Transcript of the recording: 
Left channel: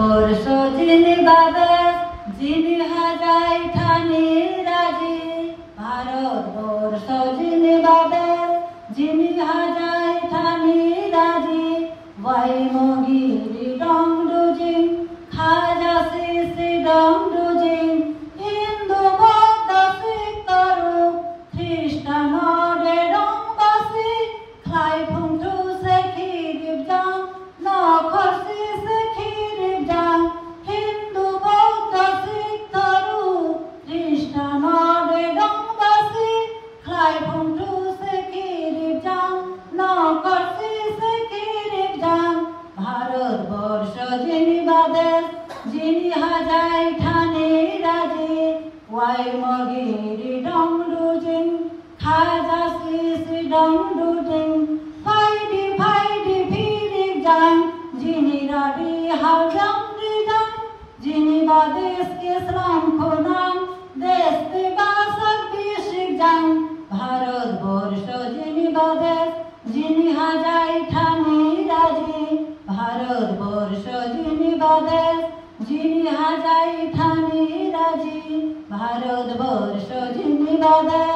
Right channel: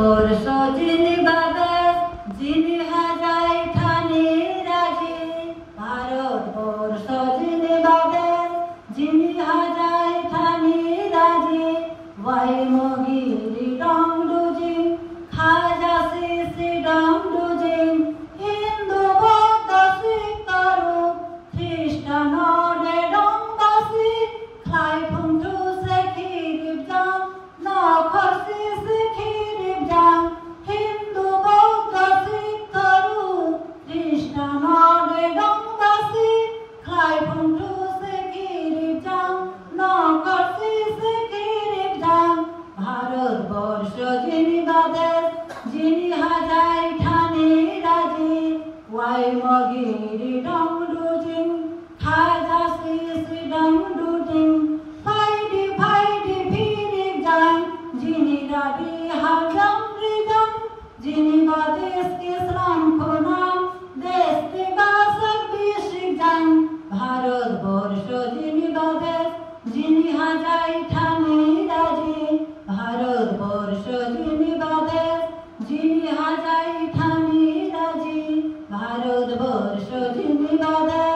ভারতবর্ষ যিনি বাদশ যিনি হাজাই ঠানি রাজি, ভারতবর্ষ যিনি বাদশ যিনি হাজাই ঠানি রাজি, ওয়াইমগিরি ডংডুজিং খাজা শ্রী ডংডুজিং, হিন্দু বৌদ্ধ শিখ তরু খ্রিস্টান অডে ডংবাসি, খাই ফুংটু সে খিরিব জাং নখসি সে খিরিব জাং, হিন্দু বৌদ্ধ শিখ তরু খ্রিস্টান অডে ডংবাসি, খাই ফুংটু সে খিরিব জাং নখসি সে খিরিব জাং, ভারতবর্ষ যিনি বাদশ যিনি হাজাই ঠানি রাজি, ওয়াইমগিরি ডংডুজিং খাজা শ্রী ডংডুজিং, ফাইডি ফাইডি ফিরিব জাং যিনি রাডি হাউজাং রিজাং, যিনি বাদেশকে শ্রম খোনাং দেশকে বাসক বিশিক জাং, ভারতবর্ষ যিনি বাদশ যিনি হাজাই ঠানি রাজি, ভারতবর্ষ যিনি বাদশ যিনি হাজাই ঠানি রাজি, ভারতবর্ষ যিনি বাদশ